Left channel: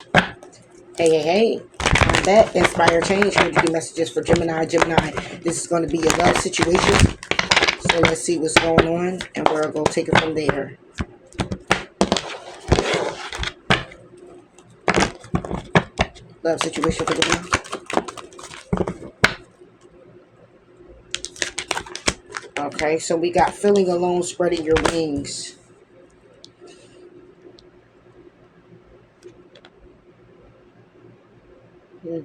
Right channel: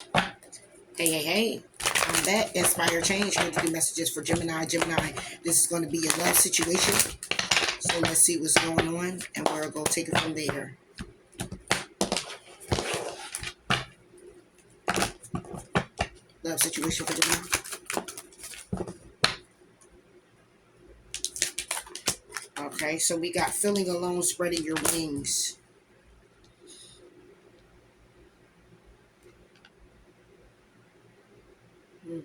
Hey, hey, hey. I'm back. Inspire change. Going to do messages for Gemini. Gemini, this is going to be a love situation. So let's see what's going on, and we're going to take it from there. Love situation for Gemini. Okay, so we got feeling alone, spreading your wings. Hmm.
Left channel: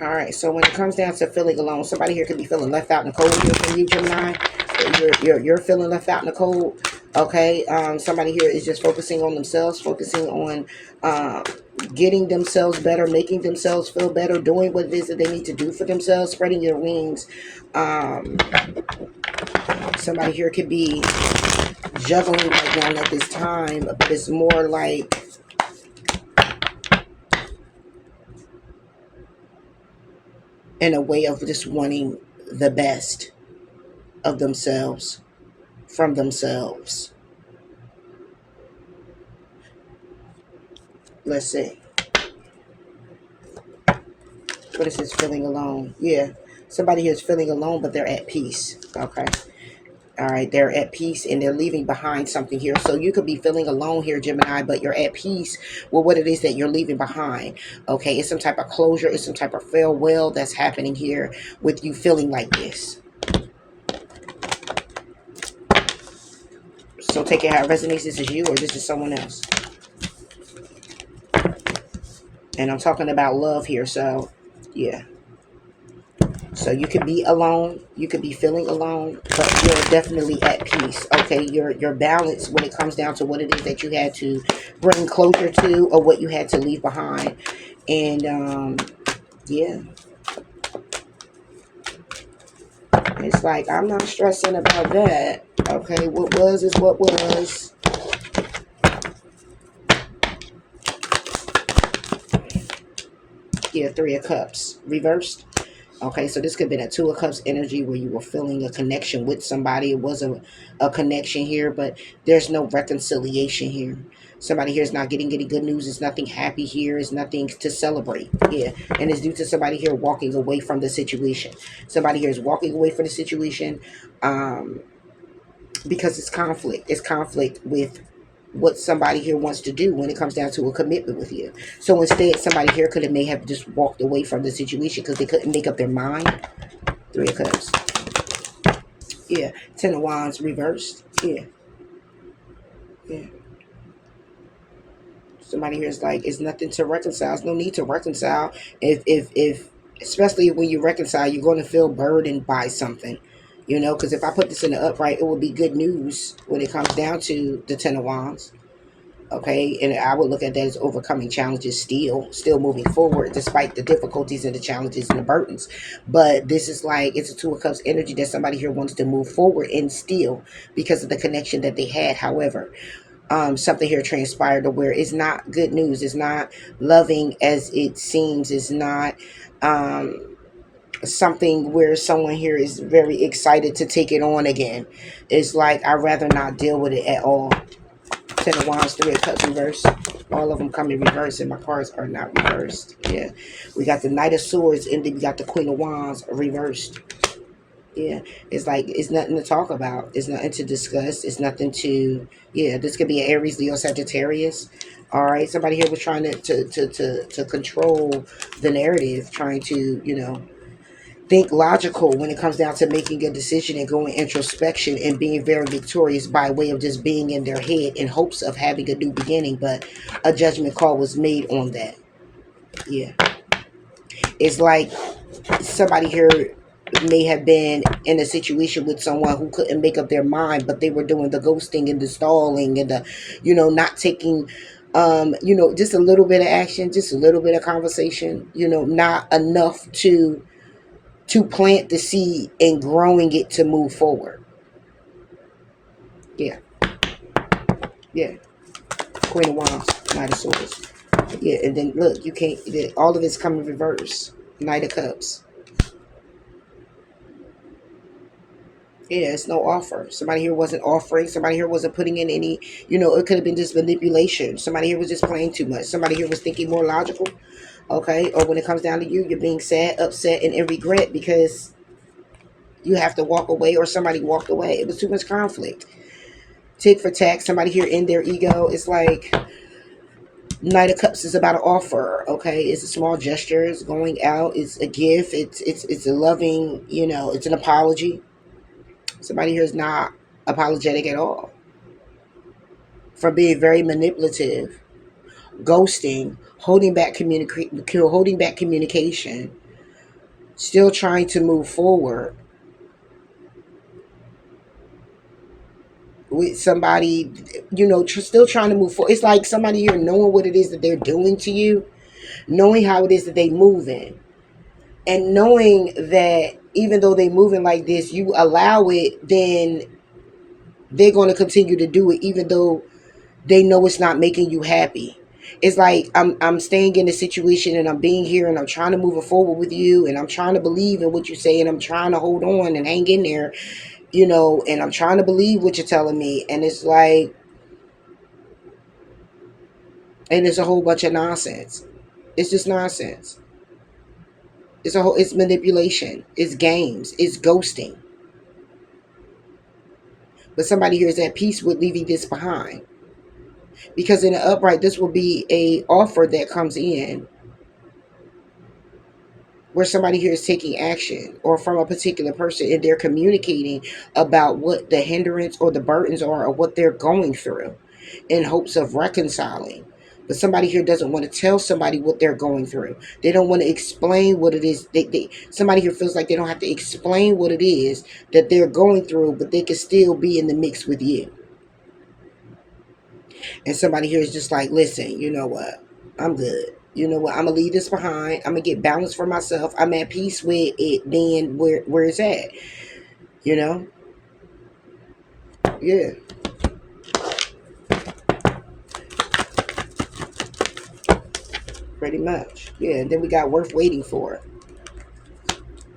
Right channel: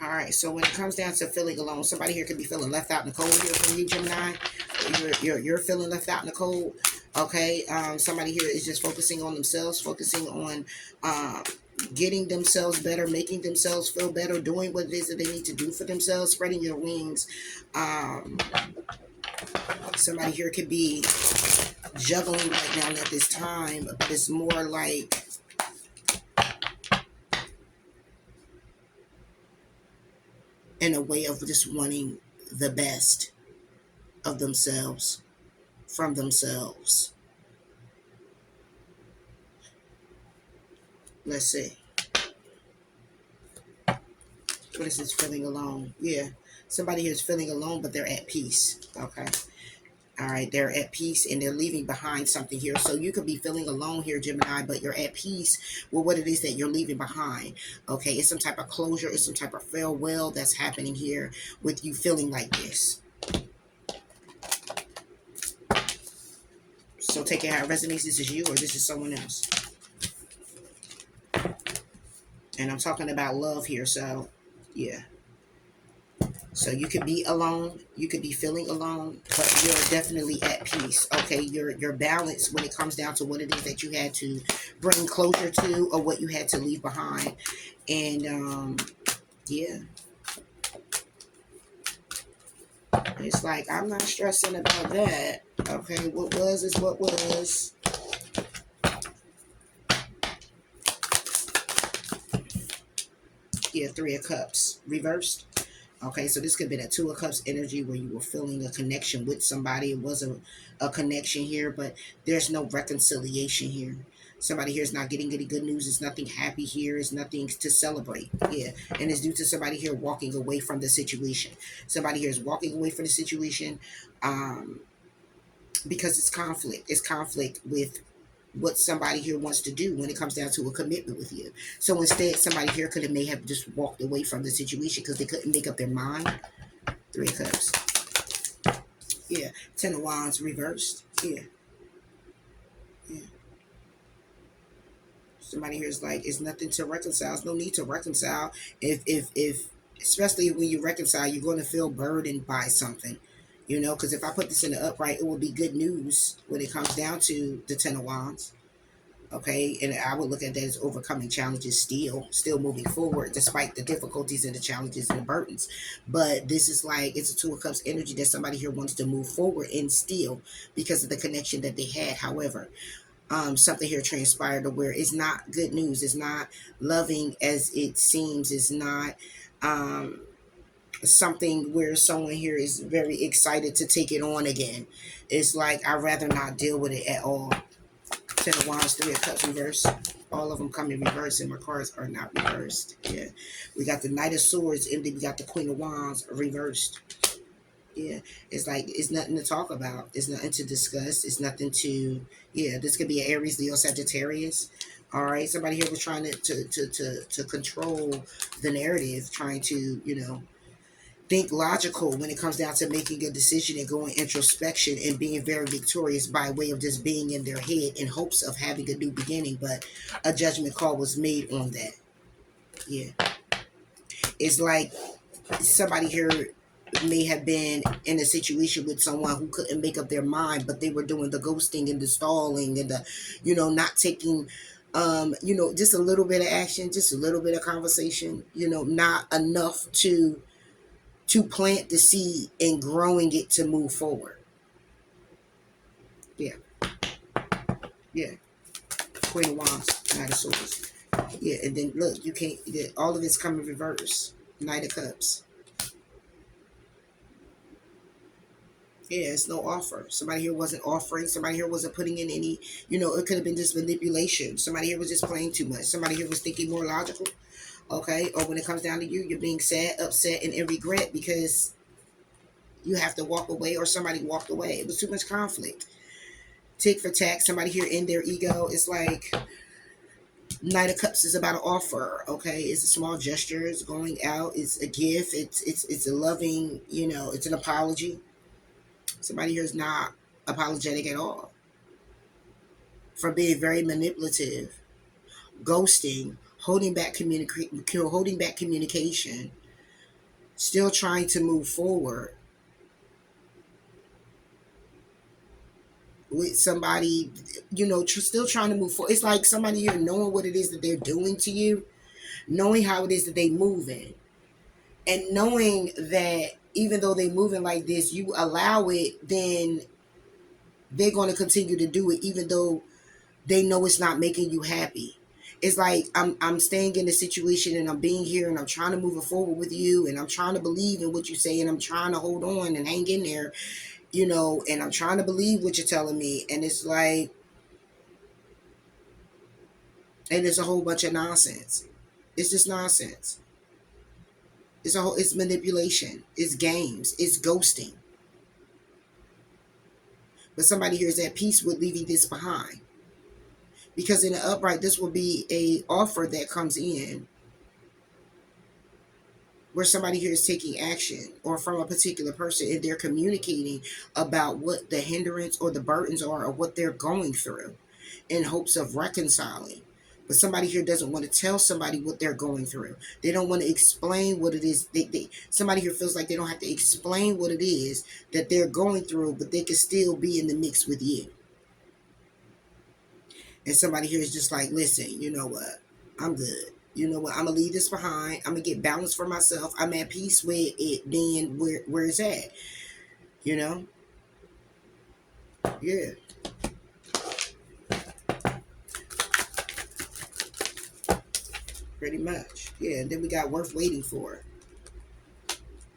All right, so when it comes down to feeling alone, somebody here could be feeling left out in the cold here from you, Gemini. You're feeling left out in the cold. Okay, somebody here is just focusing on themselves, focusing on uh, getting themselves better, making themselves feel better, doing what it is that they need to do for themselves, spreading your wings. Um, Somebody here could be juggling right now at this time, but it's more like in a way of just wanting the best of themselves from themselves. Let's see. What is this feeling alone? Yeah. Somebody here is feeling alone, but they're at peace. Okay. All right. They're at peace and they're leaving behind something here. So you could be feeling alone here, Gemini, but you're at peace with what it is that you're leaving behind. Okay. It's some type of closure. It's some type of farewell that's happening here with you feeling like this. So take it how it resonates. This is you or this is someone else. And I'm talking about love here. So, yeah. So you could be alone, you could be feeling alone, but you're definitely at peace. Okay, you're balanced when it comes down to what it is that you had to bring closure to or what you had to leave behind. And yeah, it's like I'm not stressing about that. Okay, what was is what was. Yeah, Three of Cups reversed. Okay, so this could have been a Two of Cups energy where you were feeling a connection with somebody. It was a connection here, but there's no reconciliation here. Somebody here is not getting any good news. It's nothing happy here. It's nothing to celebrate. Yeah, and it's due to somebody here walking away from the situation. Somebody here is walking away from the situation um, because it's conflict. It's conflict with what somebody here wants to do when it comes down to a commitment with you. So instead, somebody here could have may have just walked away from the situation because they couldn't make up their mind. Three of Cups. Yeah. Ten of Wands reversed. Yeah. Yeah. Somebody here is like, it's nothing to reconcile. There's no need to reconcile. If especially when you reconcile, you're going to feel burdened by something. You know, because if I put this in the upright, it will be good news when it comes down to the Ten of Wands. Okay, and I would look at that as overcoming challenges, still moving forward despite the difficulties and the challenges and the burdens. But this is like, it's a Two of Cups energy that somebody here wants to move forward and still because of the connection that they had. However, something here transpired to where it's not good news, it's not loving as it seems, it's not um something where someone here is very excited to take it on again. It's like, I'd rather not deal with it at all. Ten of Wands, Three of Cups reverse. All of them come in reverse, and my cards are not reversed. Yeah, we got the Knight of Swords, and then we got the Queen of Wands reversed. Yeah, it's like it's nothing to talk about. It's nothing to discuss. It's nothing to. Yeah, this could be an Aries, Leo, Sagittarius. All right, somebody here was trying to control the narrative, trying to think logical when it comes down to making a decision and going introspection and being very victorious by way of just being in their head in hopes of having a new beginning. But a judgment call was made on that. Yeah. It's like somebody here may have been in a situation with someone who couldn't make up their mind, but they were doing the ghosting and the stalling and the, not taking just a little bit of action, just a little bit of conversation, not enough to plant the seed and growing it to move forward. Yeah, yeah. Queen of Wands, Knight of Swords. Yeah, and then look, you can't. All of it's coming reverse. Knight of Cups. Yeah, it's no offer. Somebody here wasn't offering. Somebody here wasn't putting in any, it could have been just manipulation. Somebody here was just playing too much. Somebody here was thinking more logical. Okay. Or when it comes down to you, you're being sad, upset, and in regret because you have to walk away or somebody walked away. It was too much conflict. Tit for tat. Somebody here in their ego. It's like Knight of Cups is about an offer. Okay. It's a small gesture. It's going out. It's a gift. It's a loving, it's an apology. Somebody here is not apologetic at all for being very manipulative, ghosting, holding back communication, still trying to move forward with somebody, still trying to move forward. It's like somebody here knowing what it is that they're doing to you, knowing how it is that they moving, and knowing that even though they moving like this, you allow it, then they're going to continue to do it, even though they know it's not making you happy. It's like I'm staying in the situation and I'm being here and I'm trying to move it forward with you and I'm trying to believe in what you say and I'm trying to hold on and hang in there, and I'm trying to believe what you're telling me. And it's like, and it's a whole bunch of nonsense. It's just nonsense. It's manipulation. It's games. It's ghosting. But somebody here is at peace with leaving this behind. Because in the upright, this will be a offer that comes in where somebody here is taking action or from a particular person and they're communicating about what the hindrance or the burdens are or what they're going through in hopes of reconciling. But somebody here doesn't want to tell somebody what they're going through. They don't want to explain what it is. Somebody here feels like they don't have to explain what it is that they're going through, but they can still be in the mix with you. And somebody here is just like, listen, you know what? I'm good. You know what? I'm gonna leave this behind. I'm gonna get balance for myself. I'm at peace with it being where it's at. You know? Yeah. Pretty much. Yeah. And then we got worth waiting for.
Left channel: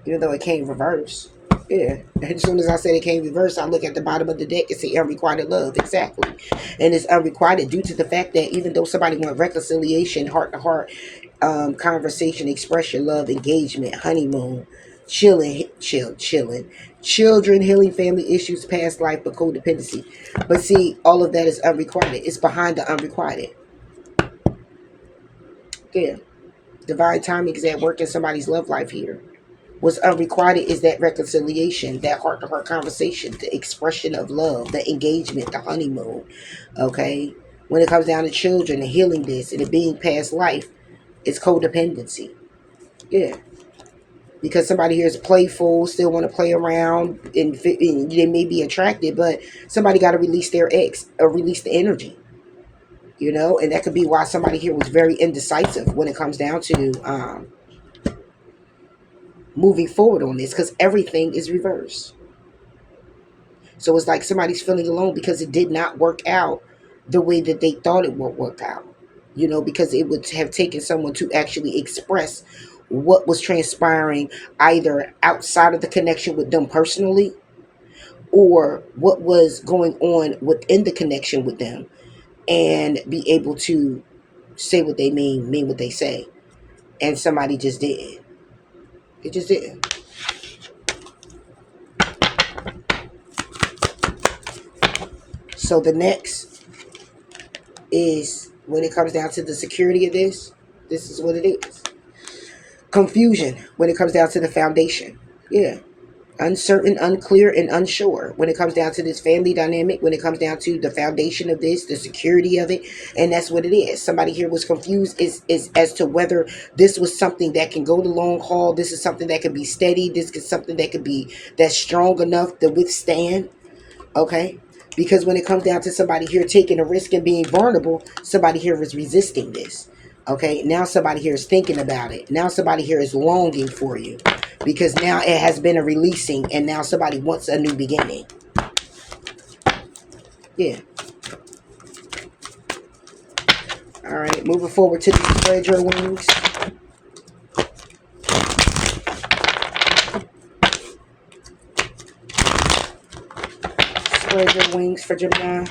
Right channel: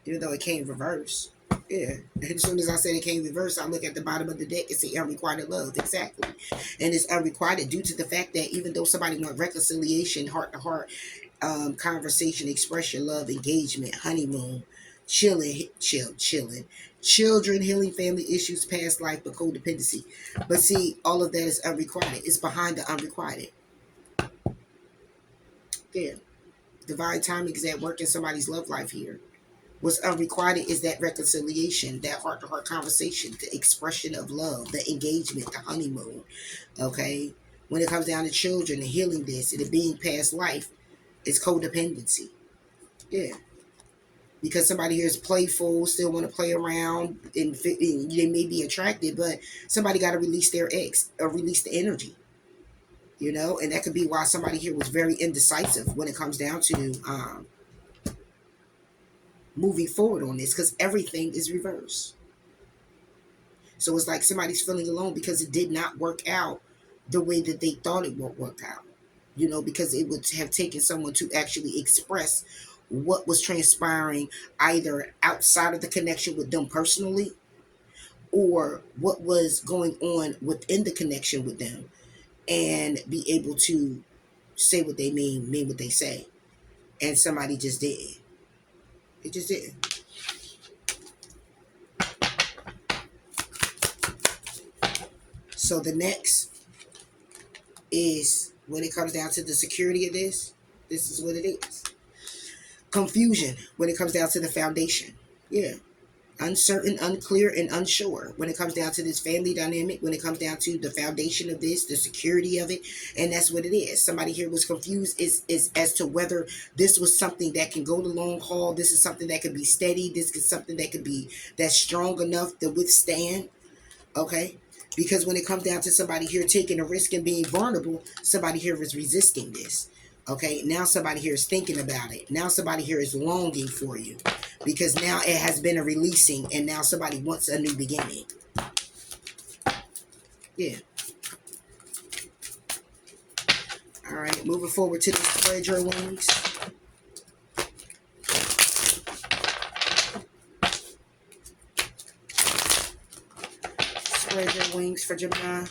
Even though it came reverse. Yeah. As soon as I said it came reverse, I look at the bottom of the deck and see unrequited love. Exactly. And it's unrequited due to the fact that even though somebody want reconciliation, heart to heart, conversation, express your love, engagement, honeymoon, chilling, children, healing family issues, past life, but codependency. But see, all of that is unrequited. It's behind the unrequited. Yeah. Divine timing is at work in somebody's love life here. What's unrequited is that reconciliation, that heart-to-heart conversation, the expression of love, the engagement, the honeymoon. Okay? When it comes down to children and healing this and it being past life, it's codependency. Yeah. Because somebody here is playful, still want to play around, and they may be attracted, but somebody got to release their ex or release the energy. And that could be why somebody here was very indecisive when it comes down to moving forward on this, because everything is reversed. So it's like somebody's feeling alone because it did not work out the way that they thought it would work out. Because it would have taken someone to actually express what was transpiring either outside of the connection with them personally or what was going on within the connection with them and be able to say what they mean what they say. And somebody just didn't. It just didn't. So the next is when it comes down to the security of this is what it is. Confusion when it comes down to the foundation. Yeah. Uncertain, unclear, and unsure when it comes down to this family dynamic, when it comes down to the foundation of this, the security of it. And that's what it is. Somebody here was confused is as to whether this was something that can go the long haul. This is something that can be steady. This is something that could be that's strong enough to withstand. Okay. Because when it comes down to somebody here taking a risk and being vulnerable, somebody here is resisting this. Okay, now somebody here is thinking about it. Now somebody here is longing for you. Because now it has been a releasing and now somebody wants a new beginning. Yeah. All right, moving forward to the spread your wings. Spread your wings for Gemini.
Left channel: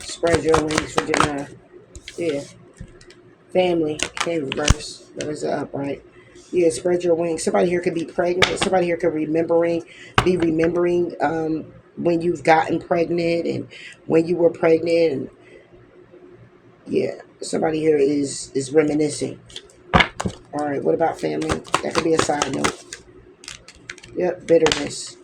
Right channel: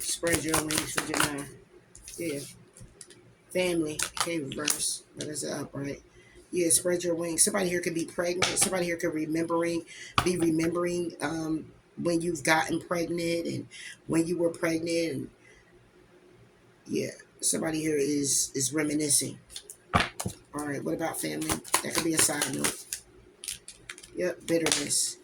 Spread your wings for Gemini. Yeah. Family. Okay, reverse. There's an upright. Yeah, spread your wings. Somebody here could be pregnant. Somebody here could be remembering when you've gotten pregnant and when you were pregnant. And yeah, somebody here is reminiscing. All right, what about family? That could be a side note. Yep, bitterness.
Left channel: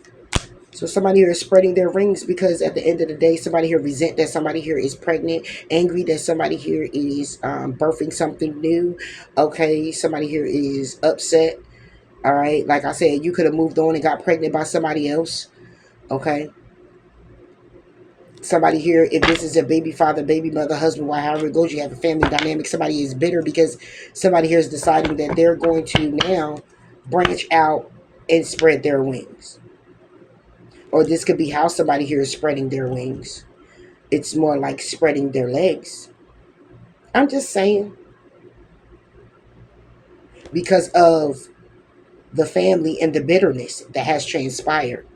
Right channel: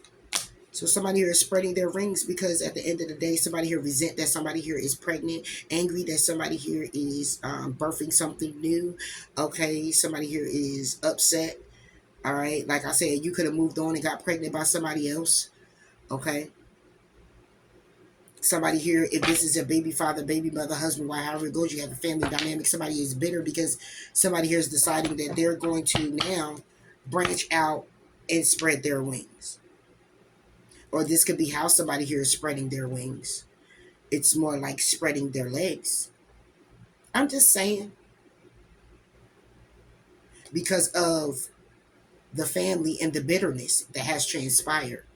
So somebody here is spreading their rings because at the end of the day, somebody here resent that somebody here is pregnant, angry that somebody here is birthing something new. Okay, somebody here is upset. All right, like I said, you could have moved on and got pregnant by somebody else. Okay, somebody here, if this is a baby father, baby mother, husband, wife, however it goes, you have a family dynamic. Somebody is bitter because somebody here is deciding that they're going to now branch out and spread their wings. Or this could be how somebody here is spreading their wings. It's more like spreading their legs. I'm just saying, because of the family and the bitterness that has transpired.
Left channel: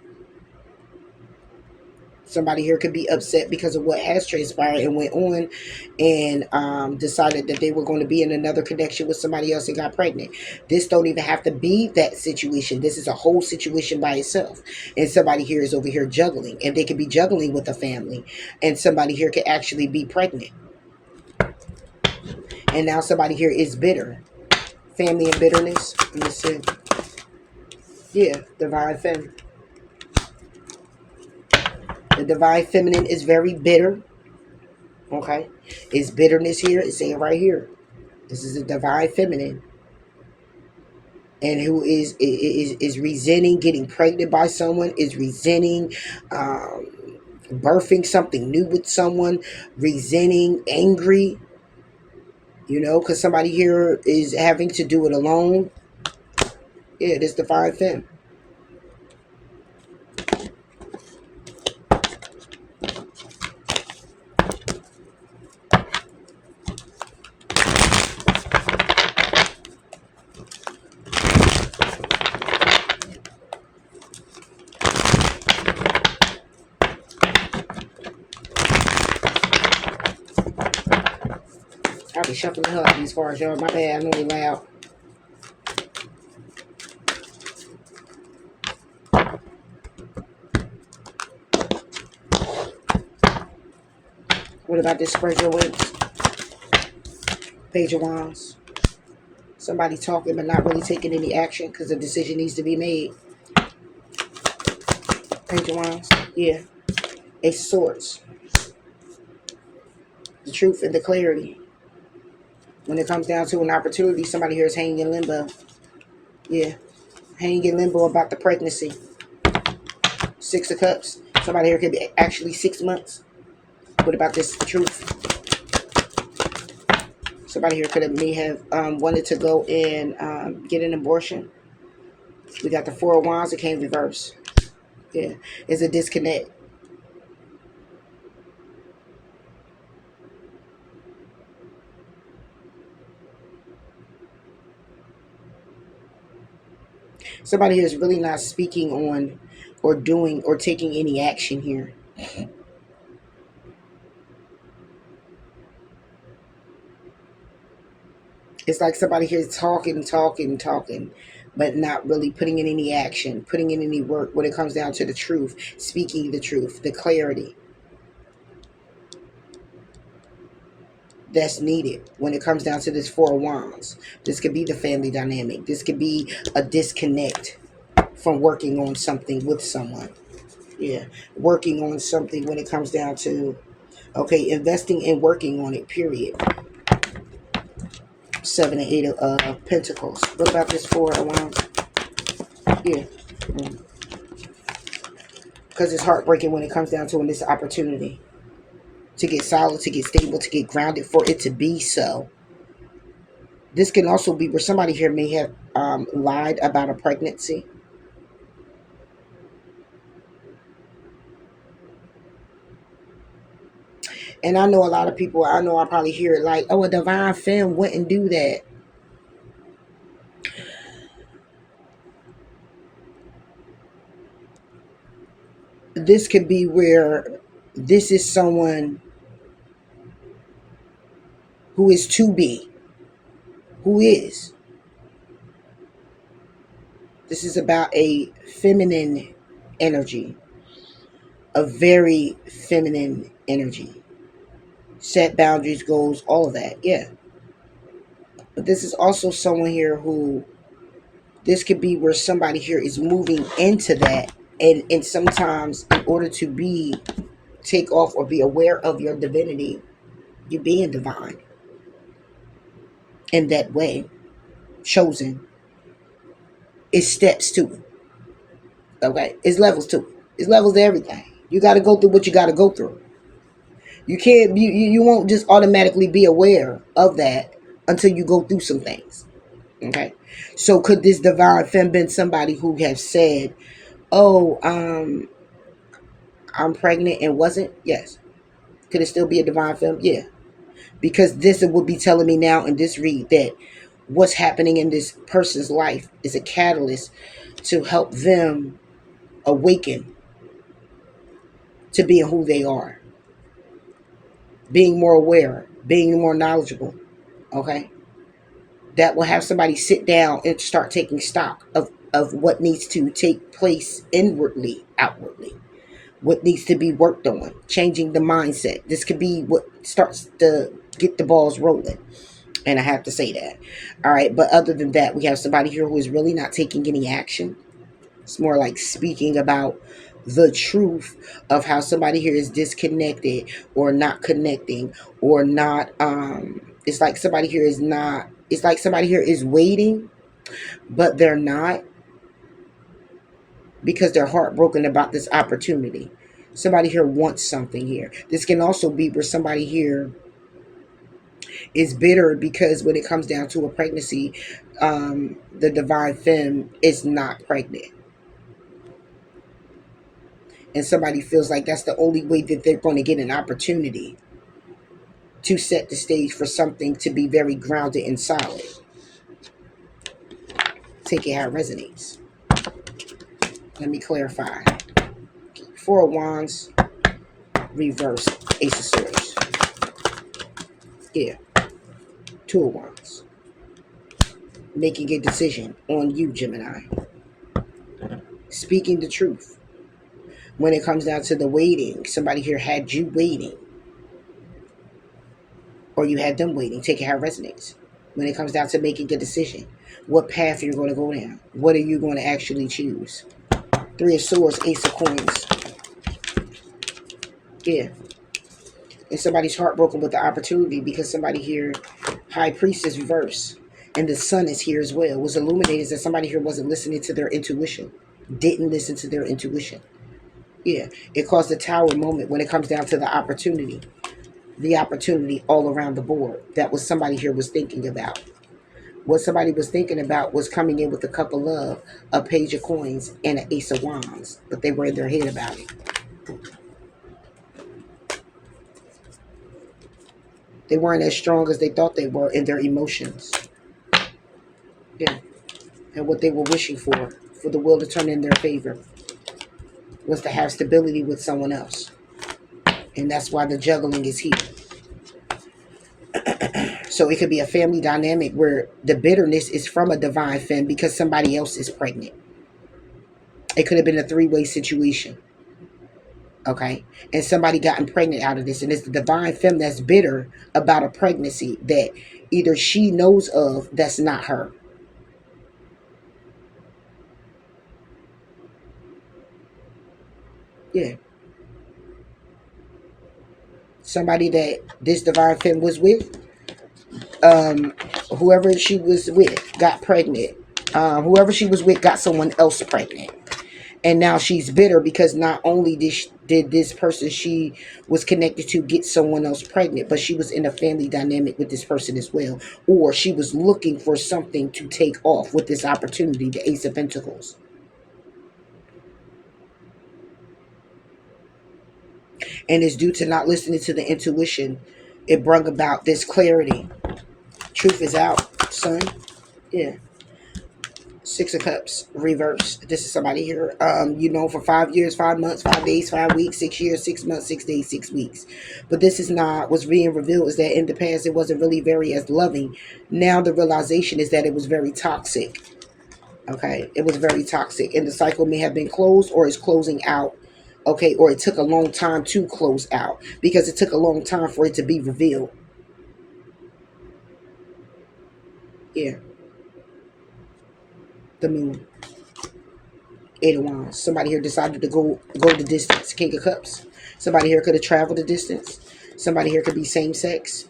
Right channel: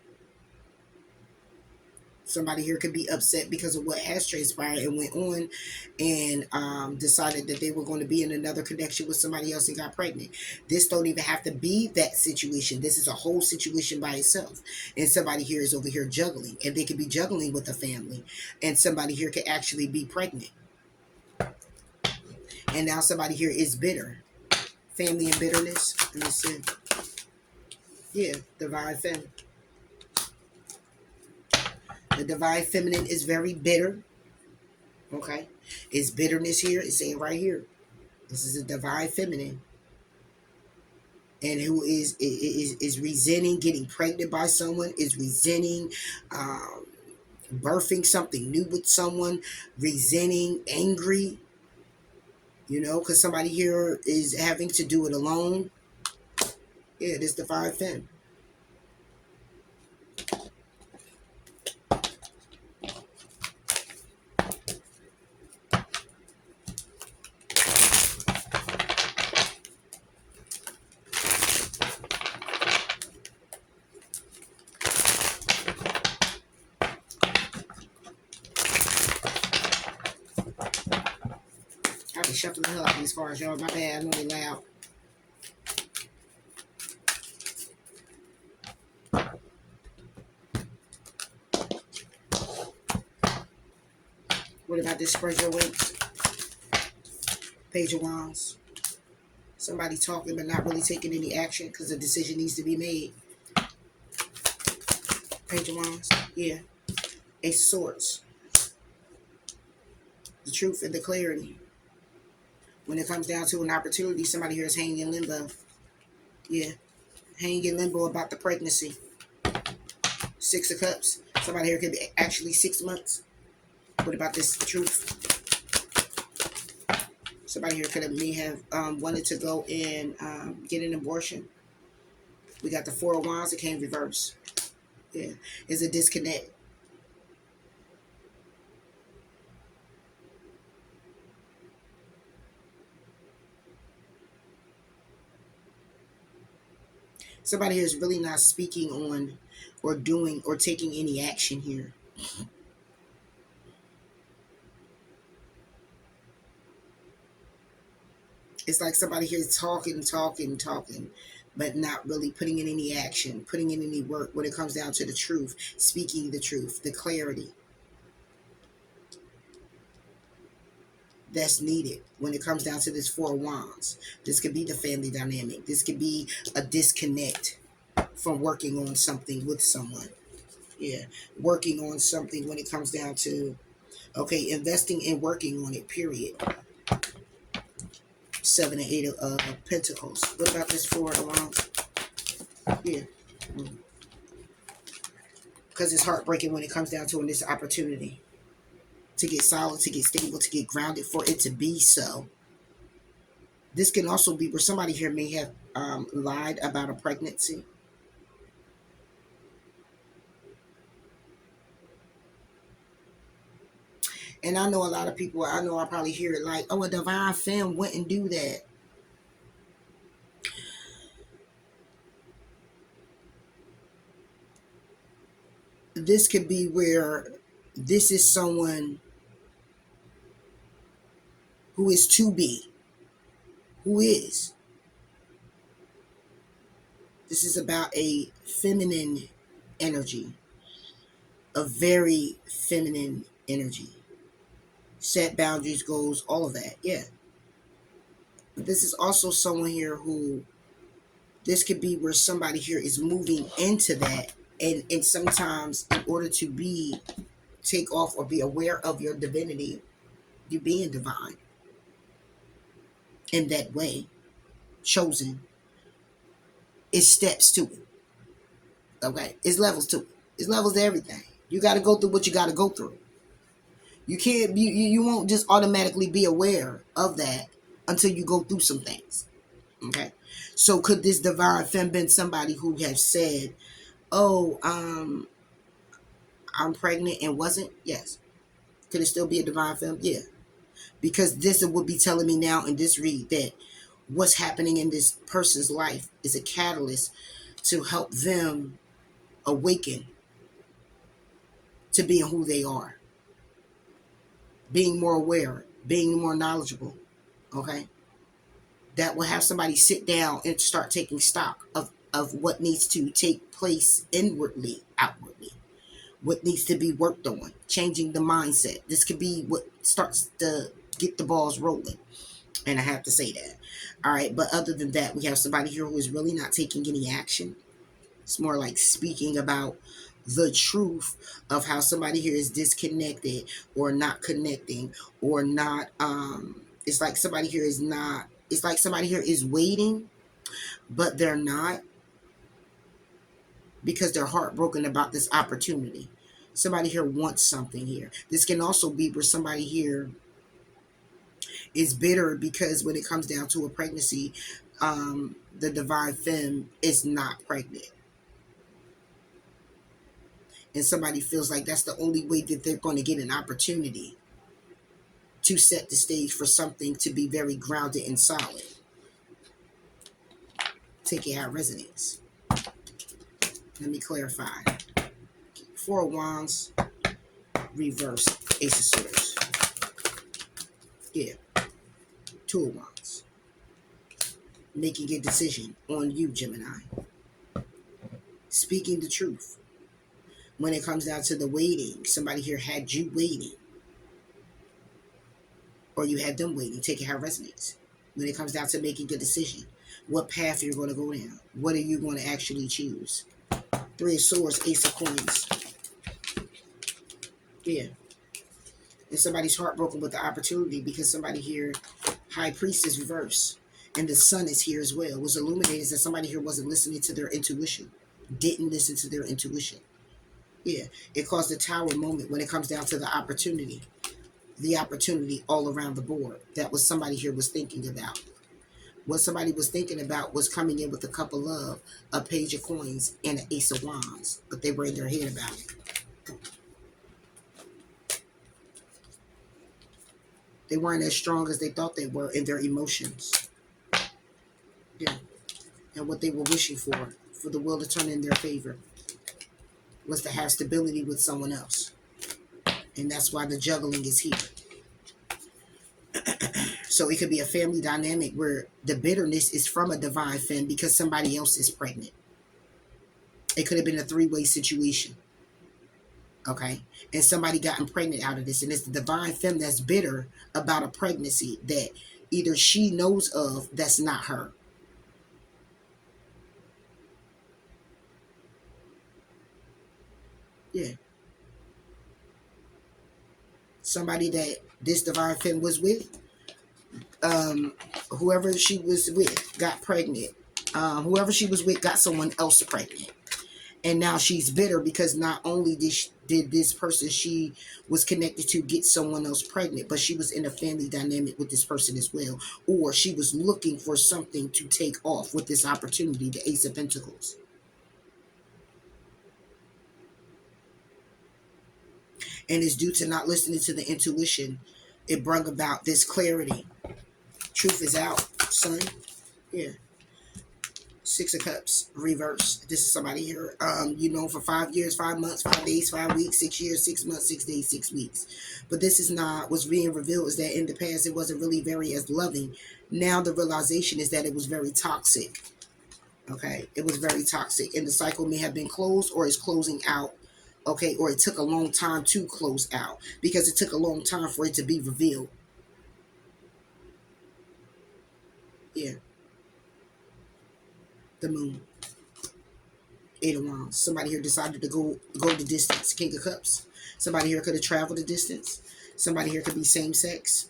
Somebody here could be upset because of what has transpired and went on and decided that they were going to be in another connection with somebody else and got pregnant. This don't even have to be that situation. This is a whole situation by itself. And somebody here is over here juggling. And they could be juggling with a family. And somebody here could actually be pregnant. And now somebody here is bitter. Family and bitterness. Let me see. Yeah, divine feminine. The divine feminine is very bitter. Okay. It's bitterness here. It's saying right here. This is a divine feminine. And who is resenting getting pregnant by someone, is resenting birthing something new with someone, resenting, angry, because somebody here is having to do it alone. Yeah, this divine femme. I'll be shuffling the hell out of these cards, y'all. My bad, I'm really loud. What about this spread your wings? Page of Wands. Somebody talking but not really taking any action because a decision needs to be made. Page of Wands. Yeah. Ace of Swords. The truth and the clarity. When it comes down to an opportunity, somebody here is hanging in limbo. Yeah. Hanging in limbo about the pregnancy. Six of Cups. Somebody here could be actually 6 months. What about this truth? Somebody here may have wanted to go and get an abortion. We got the Four of Wands. It came reverse. Yeah. It's a disconnect. Somebody here is really not speaking on or doing or taking any action here. It's like somebody here is talking, but not really putting in any action, putting in any work when it comes down to the truth, speaking the truth, the clarity that's needed when it comes down to this Four of Wands. This could be the family dynamic. This could be a disconnect from working on something with someone. Yeah, working on something when it comes down to, okay, investing and working on it, period. Seven and Eight of Pentacles. What about this Four of Wands? Yeah. Because it's heartbreaking when it comes down to this opportunity to get solid, to get stable, to get grounded, for it to be so. This can also be where somebody here may have lied about a pregnancy. And I know a lot of people, I know I probably hear it like, oh, a divine femme wouldn't do that. This could be where this is someone who is to be, who is. This is about a feminine energy, a very feminine energy. Set boundaries, goals, all of that. Yeah. But this is also someone here who, this could be where somebody here is moving into that. And sometimes in order to be, take off or be aware of your divinity, you being divine in that way, chosen, it's steps to it. Okay. It's levels to it. It's levels to everything. You got to go through what you got to go through. You can't, you won't just automatically be aware of that until you go through some things. Okay. So could this divine femme been somebody who have said, oh, I'm pregnant and wasn't? Yes. Could it still be a divine femme? Yeah. Because this would be telling me now in this read that what's happening in this person's life is a catalyst to help them awaken to being who they are, being more aware, being more knowledgeable. Okay. That will have somebody sit down and start taking stock of what needs to take place inwardly, outwardly, what needs to be worked on, changing the mindset. This could be what starts to get the balls rolling. And I have to say that. All right. But other than that, we have somebody here who is really not taking any action. It's more like speaking about the truth of how somebody here is disconnected or not connecting or not. It's like somebody here is not, it's like somebody here is waiting, but they're not, because they're heartbroken about this opportunity. Somebody here wants something here. This can also be where somebody here is bitter because when it comes down to a pregnancy, the divine femme is not pregnant. And somebody feels like that's the only way that they're going to get an opportunity to set the stage for something to be very grounded and solid. Take it how it resonates. Let me clarify. Four of Wands, reverse, Ace of Swords. Yeah, Two of Wands. Making a decision on you, Gemini. Speaking the truth. When it comes down to the waiting, somebody here had you waiting. Or you had them waiting. Take it how it resonates. When it comes down to making a decision, what path you're going to go down. What are you going to actually choose? Three of Swords, Ace of Coins. Yeah. And somebody's heartbroken with the opportunity because somebody here, High Priestess reverse. And the sun is here as well. Was illuminated that somebody here wasn't listening to their intuition. Didn't listen to their intuition. Yeah. It caused a tower moment when it comes down to the opportunity. The opportunity all around the board. That was somebody here was thinking about. What somebody was thinking about was coming in with a cup of love, a page of coins, and an ace of wands. But they were in their head about it. They weren't as strong as they thought they were in their emotions. Yeah. And what they were wishing for the will to turn in their favor, was to have stability with someone else. And that's why the juggling is here. So it could be a family dynamic where the bitterness is from a divine femme because somebody else is pregnant. It could have been a three-way situation. Okay. And somebody gotten pregnant out of this. And it's the divine femme that's bitter about a pregnancy that either she knows of that's not her. Yeah. Somebody that this divine femme was with, whoever she was with got pregnant. Whoever she was with got someone else pregnant. And now she's bitter because not only did this person she was connected to get someone else pregnant, but she was in a family dynamic with this person as well. Or she was looking for something to take off with this opportunity, the Ace of Pentacles. And it's due to not listening to the intuition. It brought about this clarity. Truth is out, son. Yeah. Six of Cups, reverse. This is somebody here, for 5 years, 5 months, 5 days, 5 weeks, 6 years, 6 months, 6 days, 6 weeks. But this is not what's being revealed, is that in the past it wasn't really very as loving. Now the realization is that it was very toxic. Okay, it was very toxic, and the cycle may have been closed or is closing out. Okay, or it took a long time to close out because it took a long time for it to be revealed. Yeah, the moon. Eight of Wands. Somebody here decided to go the distance. King of Cups. Somebody here could have traveled the distance. Somebody here could be same sex.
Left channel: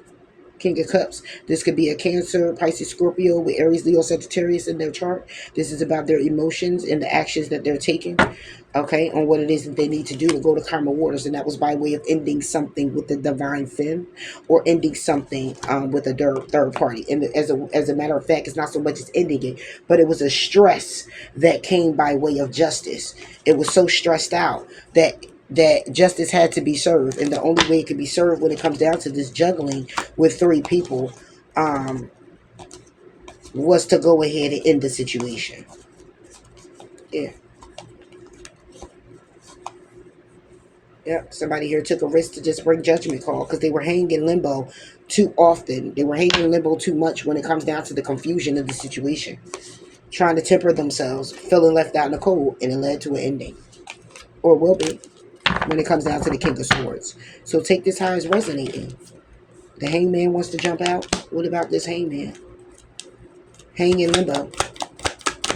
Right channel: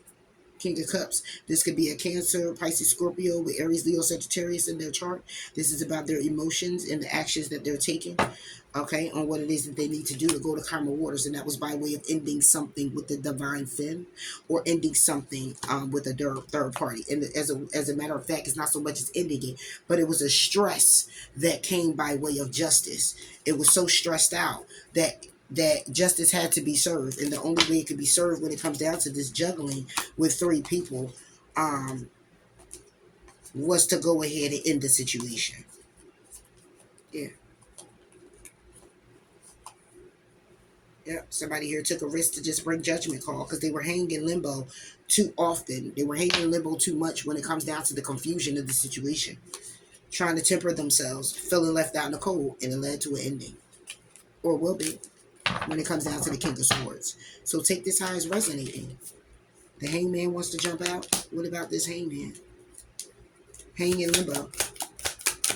King of Cups. This could be a Cancer, Pisces, Scorpio with Aries, Leo, Sagittarius in their chart. This is about their emotions and the actions that they're taking. Okay, on what it is that they need to do to go to karma waters, and that was by way of ending something with the divine femme, or ending something with a third party. And as a matter of fact, it's not so much as ending it, but it was a stress that came by way of justice. It was so stressed out that justice had to be served, and the only way it could be served when it comes down to this juggling with three people was to go ahead and end the situation. Yeah. Yeah, somebody here took a risk to just bring judgment call because they were hanging in limbo too often. They were hanging in limbo too much when it comes down to the confusion of the situation. Trying to temper themselves, feeling left out in the cold, and it led to an ending. Or will be when it comes down to the King of Swords. So take this how it's resonating. The hangman wants to jump out. What about this hangman? Hanging in limbo.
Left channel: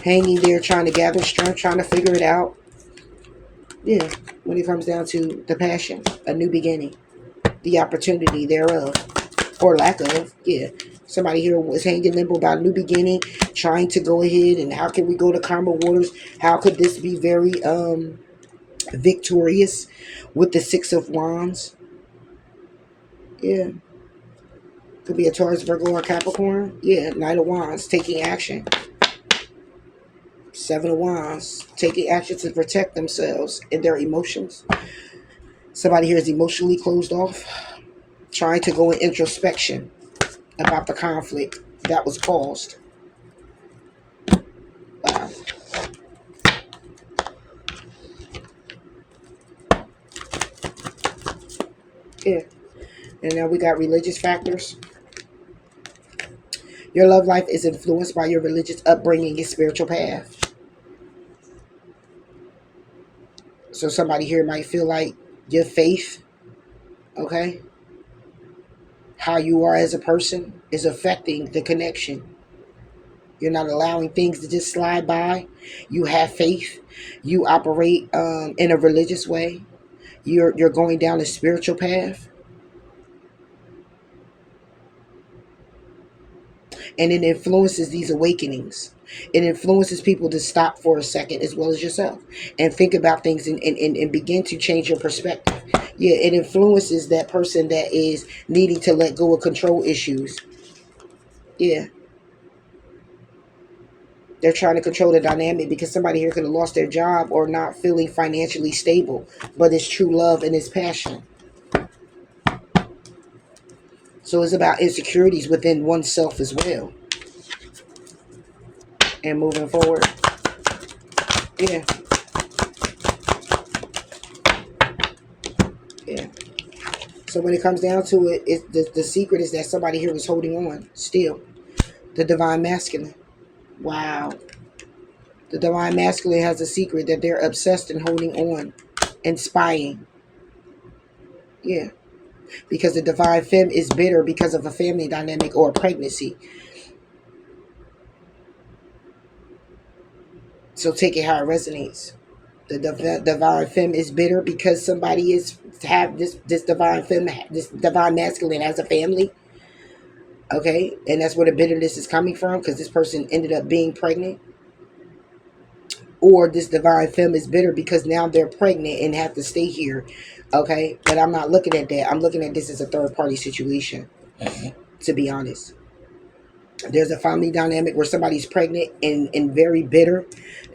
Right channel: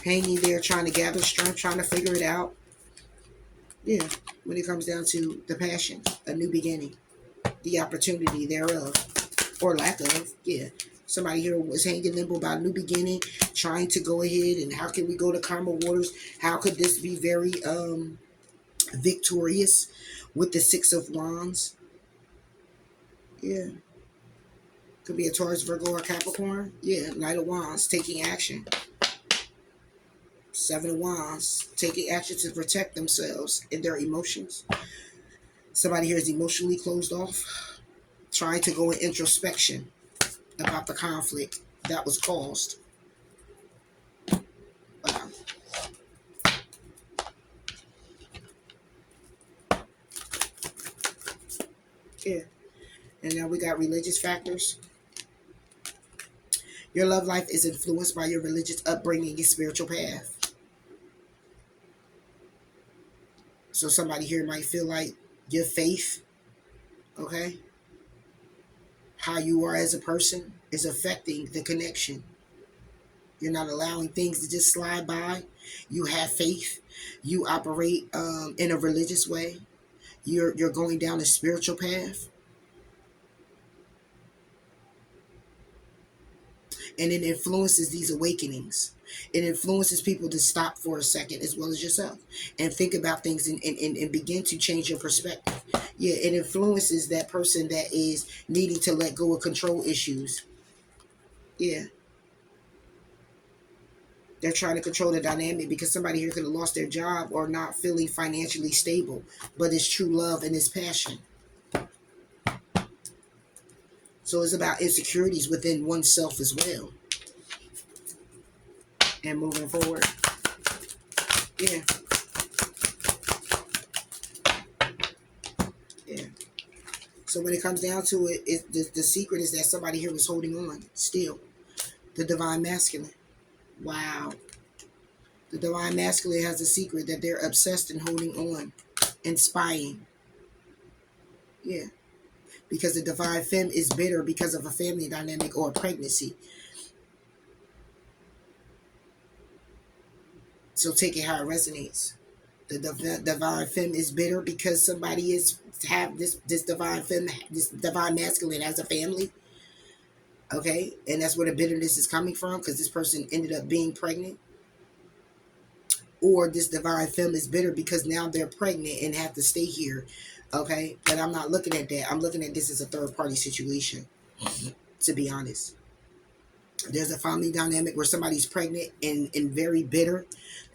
Hanging there trying to gather strength, trying to figure it out. Yeah, when it comes down to the passion, a new beginning, the opportunity thereof, or lack of. Yeah, somebody here was hanging limbo about a new beginning, trying to go ahead and how can we go to karma waters? How could this be very victorious with the Six of Wands? Yeah, could be a Taurus, Virgo, or Capricorn. Yeah, Knight of Wands, taking action. Seven of Wands, taking action to protect themselves and their emotions. Somebody here is emotionally closed off, trying to go in introspection about the conflict that was caused. Wow. Yeah. And now we got religious factors. Your love life is influenced by your religious upbringing and spiritual path. So somebody here might feel like your faith, okay, how you are as a person is affecting the connection. You're not allowing things to just slide by. You have faith. You operate in a religious way. You're going down a spiritual path. And it influences these awakenings. It influences people to stop for a second as well as yourself and think about things and begin to change your perspective. Yeah, it influences that person that is needing to let go of control issues. Yeah, they're trying to control the dynamic because somebody here could have lost their job or not feeling financially stable, but it's true love and it's passion. So it's about insecurities within oneself as well. And moving forward. Yeah. Yeah. So when it comes down to it, the secret is that somebody here was holding on still. The divine masculine. Wow. The divine masculine has a secret that they're obsessed and holding on and spying. Yeah. Because the divine femme is bitter because of a family dynamic or a pregnancy. So take it how it resonates. The divine femme is bitter because somebody is have this divine femme, this divine masculine has a family. Okay, and that's where the bitterness is coming from because this person ended up being pregnant. Or this divine femme is bitter because now they're pregnant and have to stay here. Okay, but I'm not looking at that. I'm looking at this as a third party situation, to be honest. There's a family dynamic where somebody's pregnant and very bitter,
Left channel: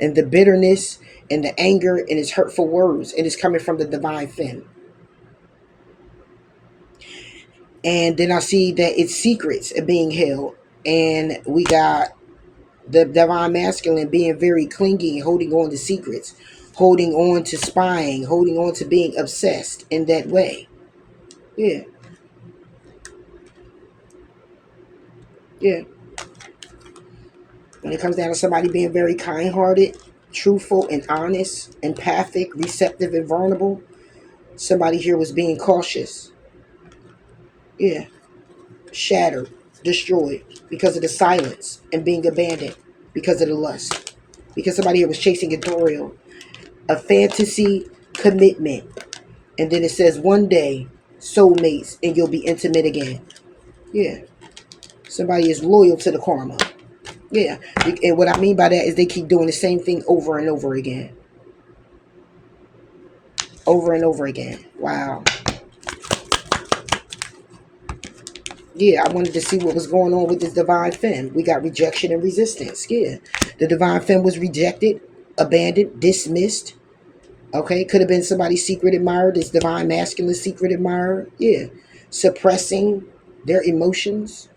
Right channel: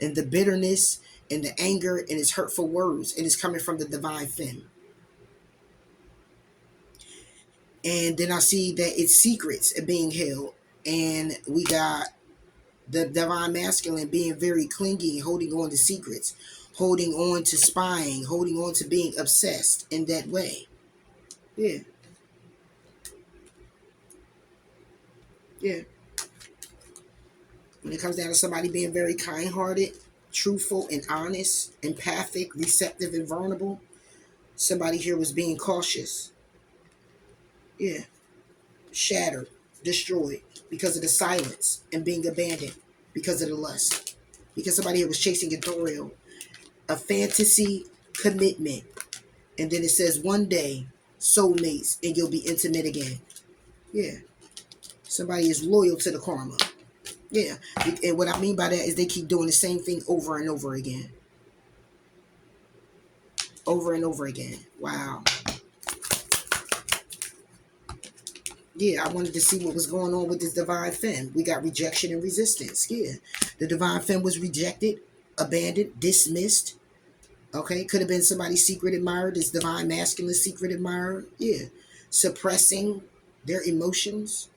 and the bitterness and the anger and his hurtful words, and it's coming from the divine femme. And then I see that it's secrets are being held. And we got the divine masculine being very clingy, holding on to secrets, holding on to spying, holding on to being obsessed in that way. Yeah, yeah. When it comes down to somebody being very kind-hearted, truthful and honest, empathic, receptive and vulnerable, somebody here was being cautious. Yeah, shattered, destroyed because of the silence and being abandoned because of the lust. Because somebody here was chasing a thrill, a fantasy commitment. And then it says one day, soulmates, and you'll be intimate again. Yeah. Somebody is loyal to the karma. Yeah. And what I mean by that is they keep doing the same thing over and over again. Over and over again. Wow. Yeah, I wanted to see what was going on with this divine femme. We got rejection and resistance. Yeah. The divine femme was rejected, abandoned, dismissed. Okay. Could have been somebody's secret admirer, this divine masculine secret admirer. Yeah. Suppressing their emotions.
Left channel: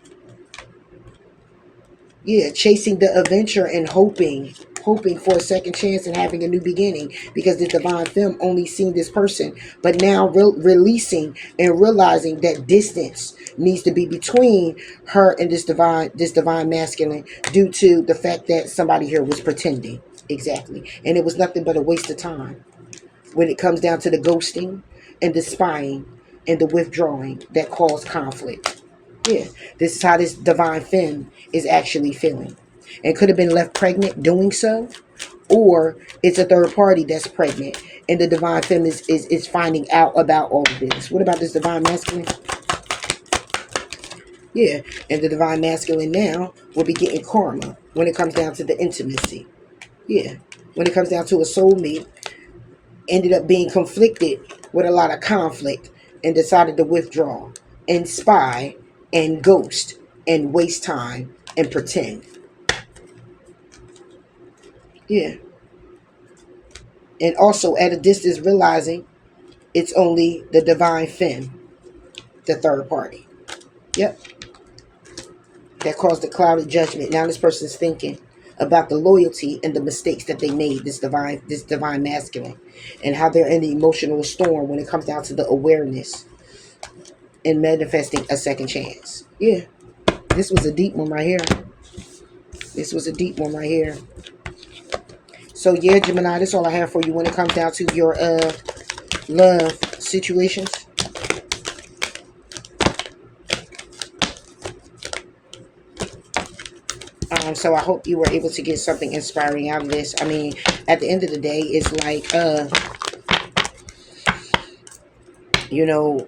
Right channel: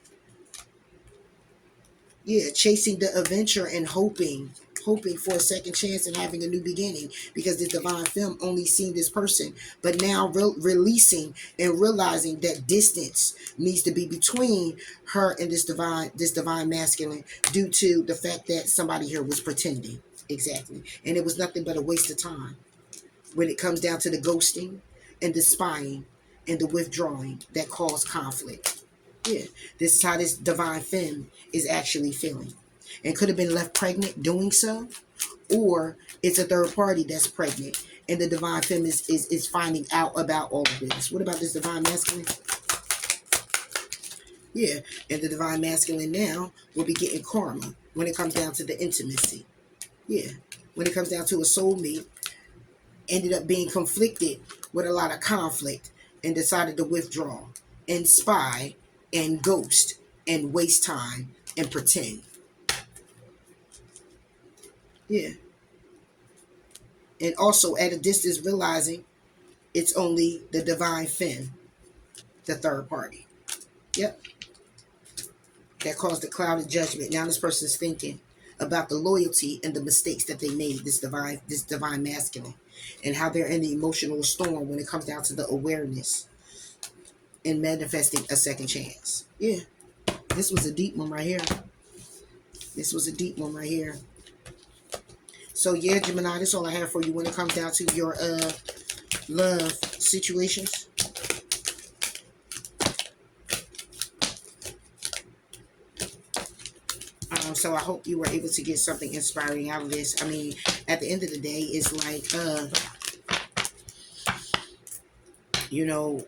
Yeah, chasing the adventure and hoping for a second chance and having a new beginning, because the divine femme only seen this person, but now releasing and realizing that distance needs to be between her and this divine masculine, due to the fact that somebody here was pretending. Exactly. And it was nothing but a waste of time when it comes down to the ghosting and the spying and the withdrawing that caused conflict. Yeah, this is how this divine femme is actually feeling. And could have been left pregnant doing so, or it's a third party that's pregnant and the divine femme is finding out about all of this. What about this divine masculine? Yeah, and the divine masculine now will be getting karma when it comes down to the intimacy. Yeah, when it comes down to a soulmate, ended up being conflicted with a lot of conflict and decided to withdraw and spy and ghost and waste time and pretend. Yeah. And also at a distance realizing it's only the divine femme, the third party. Yep. That caused a clouded judgment. Now this person's thinking about the loyalty and the mistakes that they made, this divine masculine, and how they're in the emotional storm when it comes down to the awareness and manifesting a second chance. Yeah. This was a deep one right here. This was a deep one right here. So yeah, Gemini, that's all I have for you when it comes down to your love situations. So I hope you were able to get something inspiring out of this. I mean, at the end of the day, it's like you know,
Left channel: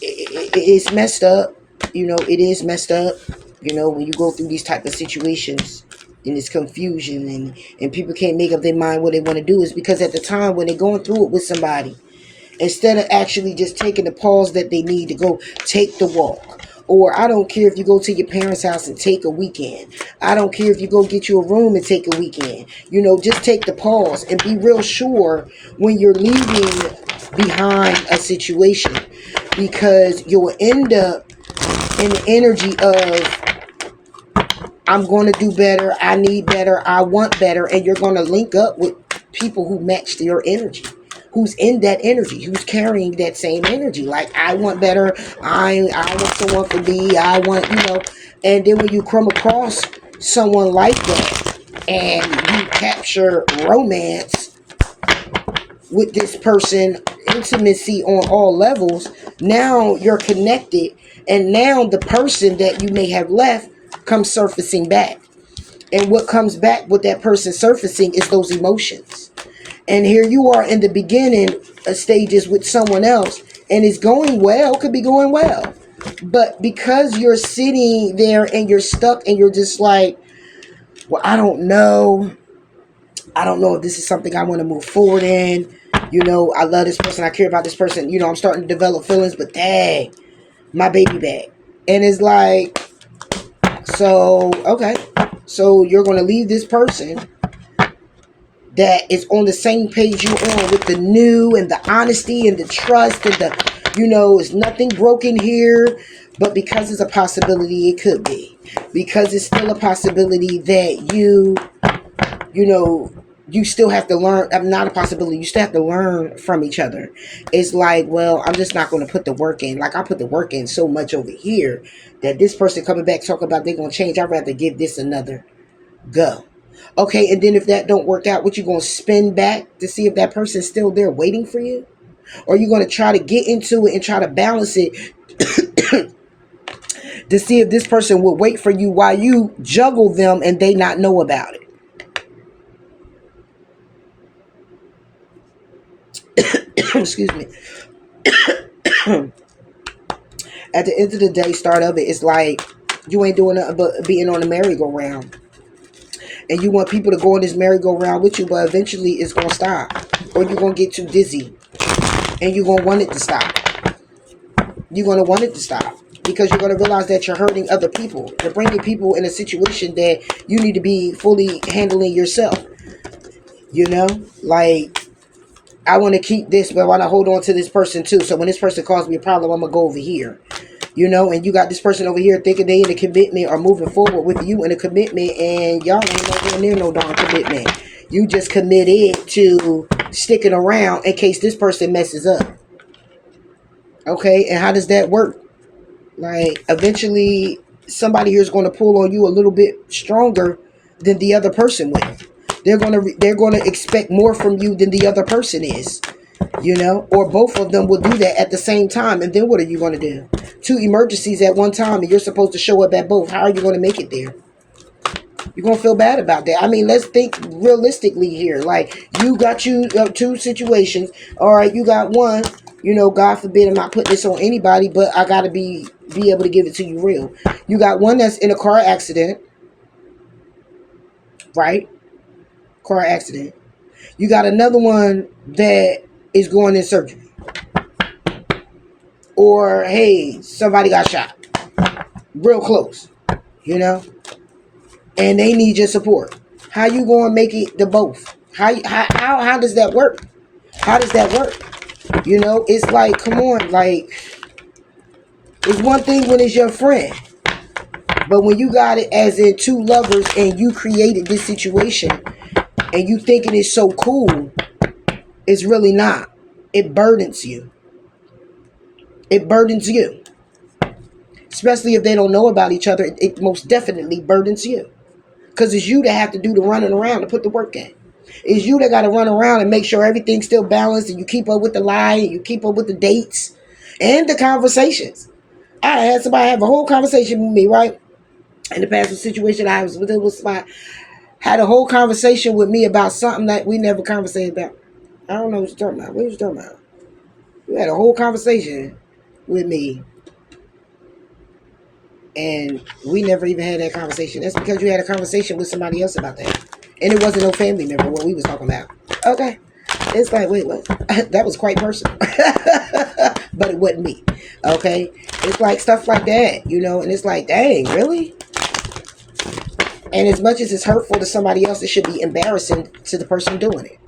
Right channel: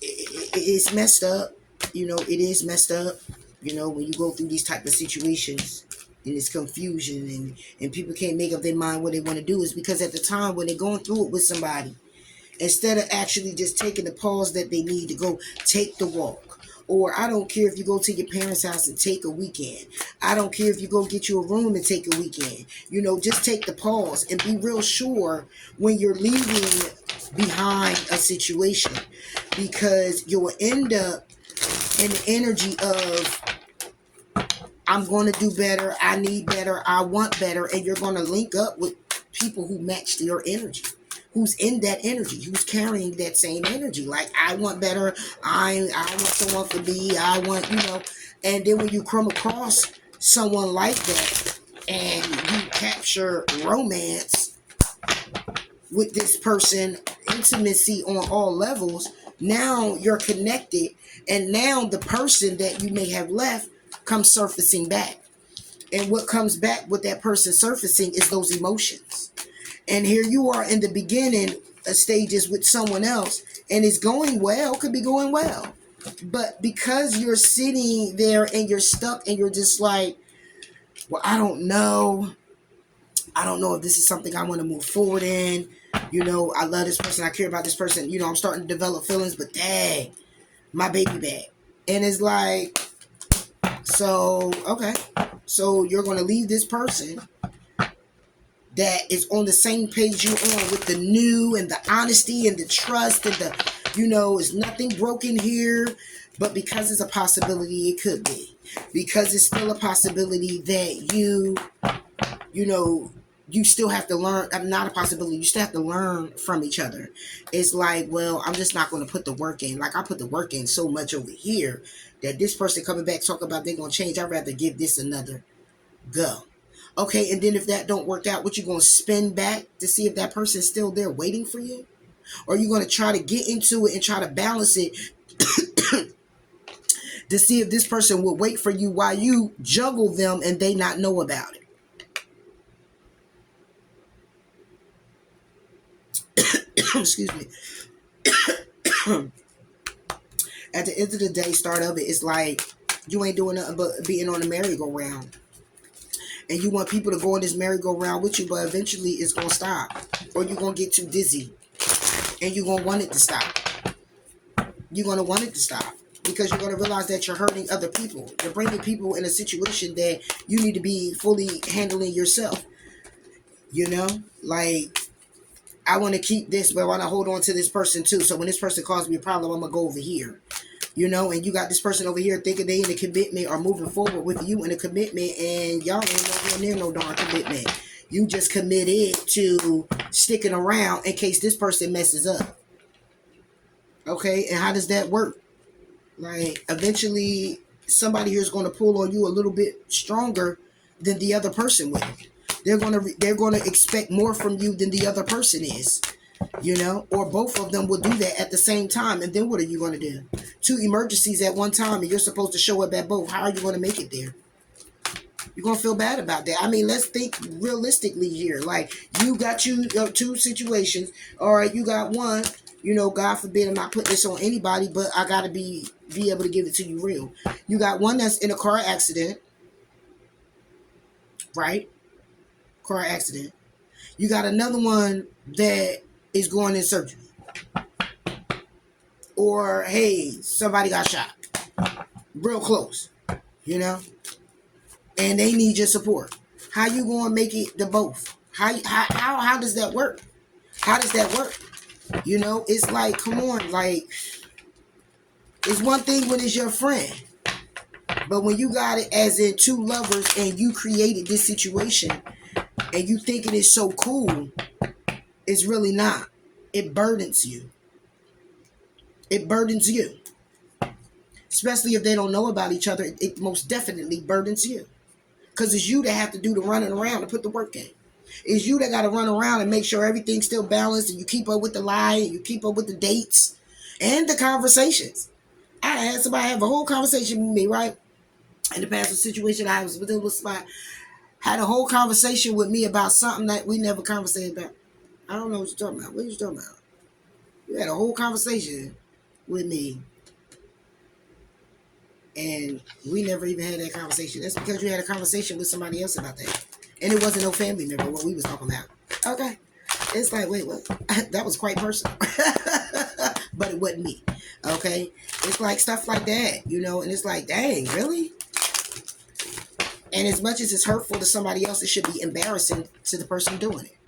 it's messed up. You know, it is messed up. You know, when you go through these type of situations and it's confusion and people can't make up their mind what they want to do, is because at the time when they're going through it with somebody, instead of actually just taking the pause that they need to go take the walk. Or I don't care if you go to your parents' house and take a weekend. I don't care if you go get you a room and take a weekend. You know, just take the pause and be real sure when you're leaving behind a situation, because you'll end up in the energy of, I'm going to do better, I need better, I want better, and you're going to link up with people who match your energy, who's in that energy, who's carrying that same energy. Like, I want better, I want someone for me, I want, and then when you come across someone like that and you capture romance with this person, intimacy on all levels, now you're connected, and now the person that you may have left comes surfacing back. And what comes back with that person surfacing is those emotions. And here you are in the beginning stages with someone else, and it's going well, could be going well. But because you're sitting there and you're stuck and you're just like, well, I don't know if this is something I want to move forward in. I love this person, I care about this person, I'm starting to develop feelings, but dang, my baby back. And it's like, so, okay. So you're going to leave this person that is on the same page you're on, with the new and the honesty and the trust and the, there's nothing broken here. But because it's a possibility, it could be. Because it's still a possibility that you know, you still have to learn. Not a possibility. You still have to learn from each other. It's like, well, I'm just not going to put the work in. Like, I put the work in so much over here that this person coming back talking about they're going to change. I'd rather give this another go. Okay, and then if that don't work out, what you going to spin back to see if that person's still there waiting for you? Or you going to try to get into it and try to balance it to see if this person will wait for you while you juggle them and they not know about it? Excuse me. At the end of the day, start of it, it's like you ain't doing nothing but being on the merry-go-round. And you want people to go on this merry-go-round with you, but eventually it's going to stop. Or you're going to get too dizzy. And you're going to want it to stop. You're going to want it to stop. Because you're going to realize that you're hurting other people. You're bringing people in a situation that you need to be fully handling yourself. You know? Like, I want to keep this, but I want to hold on to this person too. So when this person causes me a problem, I'm going to go over here. You know, and you got this person over here thinking they in a commitment or moving forward with you in a commitment, and y'all ain't nowhere near no darn commitment. You just committed to sticking around in case this person messes up. Okay, and how does that work? Like, eventually, somebody here is going to pull on you a little bit stronger than the other person will. They're gonna expect more from you than the other person is. You know, or both of them will do that at the same time. And then what are you going to do? Two emergencies at one time, and you're supposed to show up at both. How are you going to make it there? You're going to feel bad about that. I mean, let's think realistically here. Like, you got two situations. All right, you got one. You know, God forbid I'm not putting this on anybody, but I got to be able to give it to you real. You got one that's in a car accident, right? Car accident. You got another one that is going in surgery. Or, hey, somebody got shot. Real close, you know? And they need your support. How you going to make it to both? How does that work? How does that work? You know, it's like, come on, like, it's one thing when it's your friend. But when you got it as in two lovers and you created this situation and you thinking it's so cool, it's really not. It burdens you. It burdens you. Especially if they don't know about each other, it most definitely burdens you. Because it's you that have to do the running around to put the work in. It's you that got to run around and make sure everything's still balanced and you keep up with the lie and you keep up with the dates and the conversations. I had somebody have a whole conversation with me, right? In the past situation I was with somebody, had a whole conversation with me about something that we never conversated about. I don't know what you're talking about. What are you talking about? You had a whole conversation with me and we never even had that conversation. That's because you had a conversation with somebody else about that. And it wasn't no family member what we was talking about. Okay. It's like, wait, what? That was quite personal. But it wasn't me. Okay. It's like stuff like that, you know, and it's like, dang, really? And as much as it's hurtful to somebody else, it should be embarrassing to the person doing it.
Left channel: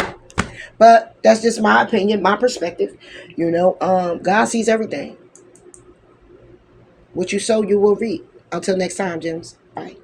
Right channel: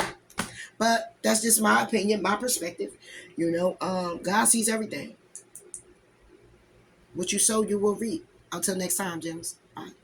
But that's just my opinion, my perspective. You know, God sees everything. What you sow, you will reap. Until next time, Gems. Bye.